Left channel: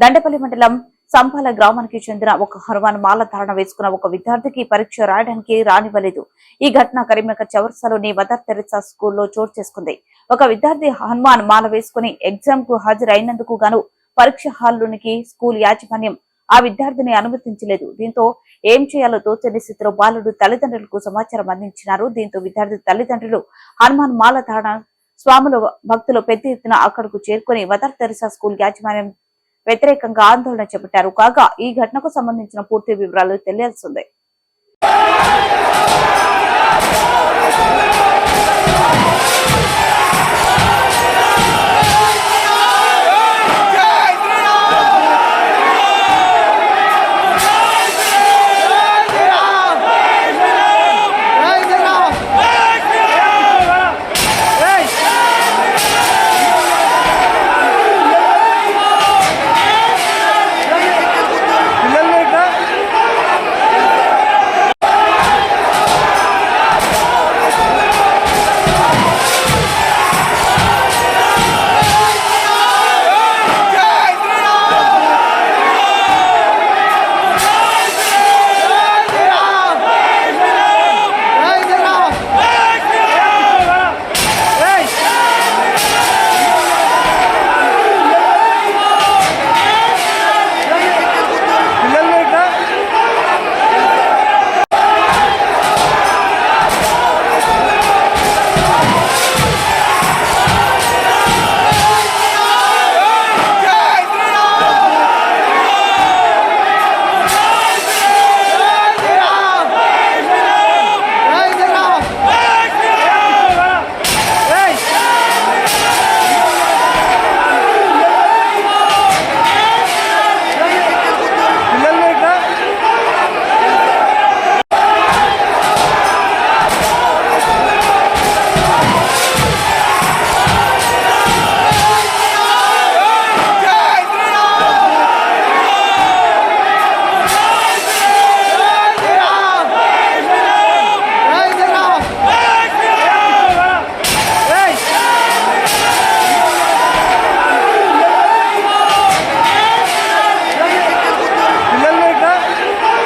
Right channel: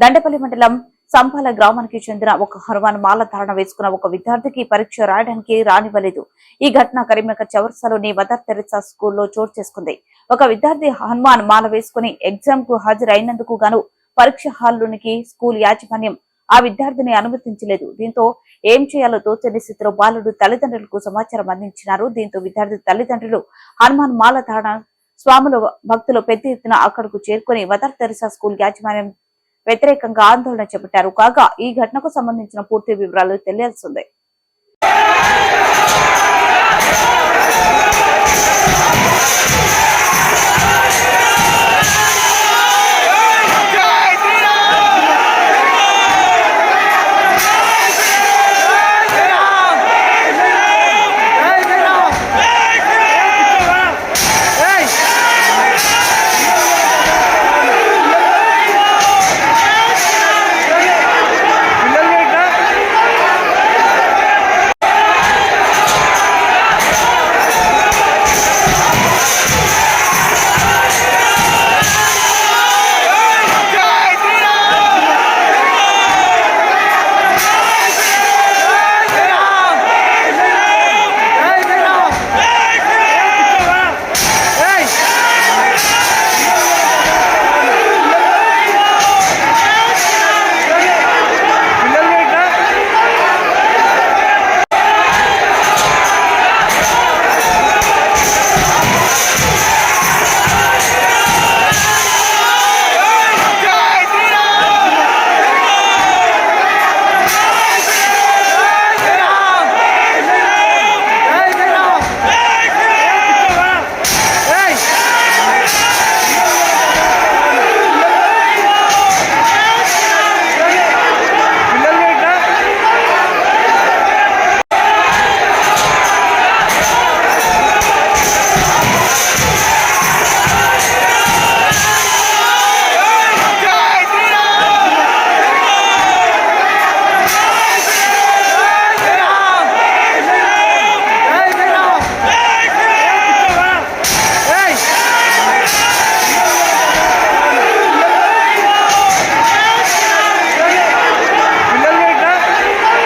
దండపల్లి మండలం సంపాల గ్రామానికి చెందిన ఒక హనుమాన్ మాల ధారణ వేసుకున్న ఒక విద్యార్థికి పరీక్ష రాయడానికి రానివ్వలేదు. ఈ ఘటన కరీంనగర్ చవర్సలోని మదర్ తెరిసా స్కూల్లో చోటు చేసుకుంది. ఒక విద్యార్థి హనుమాన్ మాల వేసుకుని ఎగ్జామ్కు హాజరైనందుకు గాను పరీక్ష హాల్లోనికి స్కూల్ యాజమాన్యం ఆ విద్యార్థిని అనుమతించలేదు. దీంతో ఏం చేయాలో తోచని స్థితిలో బాలుడు తల్లిదండ్రులకు సమాచారం అందించినారు. దీంతో విద్యార్థి తల్లిదండ్రులు హనుమాన్ మాల ధారణ స్వాముల భక్తులు పెద్ద ఎత్తున అక్కడకు చేరుకుని మదర్ తెరిసా స్కూల్ యాజమాన్యం వ్యతిరేకంగా ఆందోళన చేపట్టారు కాగా ఈ ఘటనకు సంబంధించిన పూర్తి వివరాలు తెలియాల్సిందే